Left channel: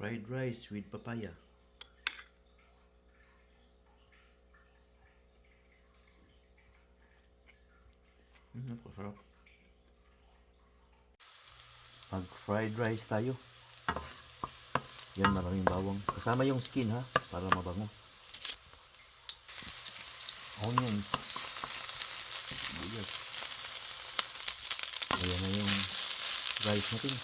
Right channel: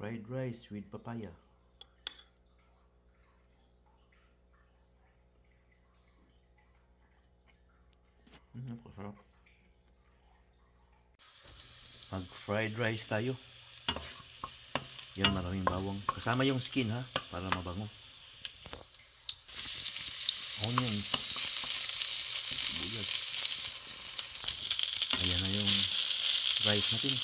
Fried rice with papaya. Napakasarap. Mag fried rice tayo. Yan, maraming bawang. Kasama yung skin ha, para mabango. Onions. Buyas. Ayan na yung rice natin.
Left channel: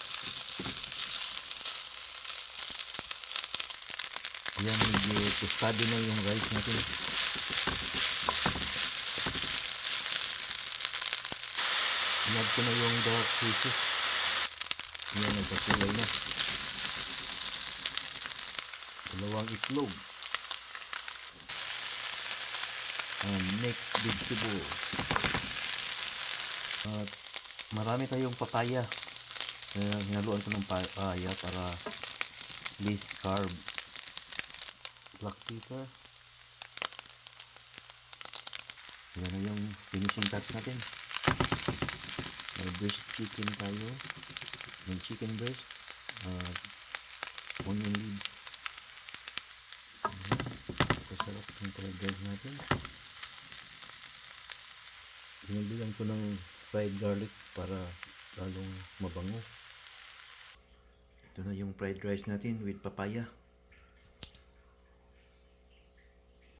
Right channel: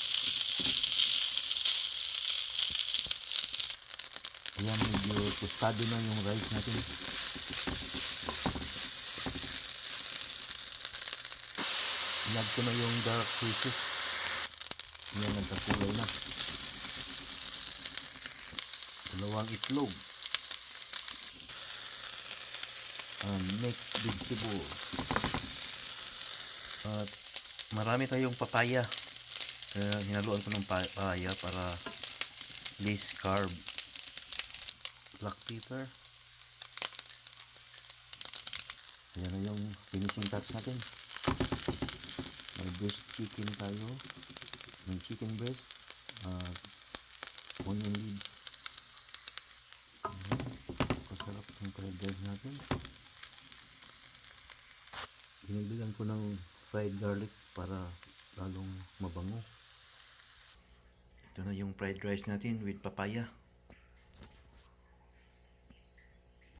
Ayan, medyo tostado na yung rice natin. Inad ko na yung dark juices. Ayan, nagkakulay na. Dalawang itlog. And next vegetable. At marami tayong papaya. Hinaluan ko ng papaya para less carb. Black pepper. Ayan na yung finishing touch natin. May breast chicken tayo. May chicken breast. Onion leaves. Kasarap yung fried rice natin. Dinagdagan ko ng fried garlic para lalong mabango. Ito na yung fried rice natin with papaya.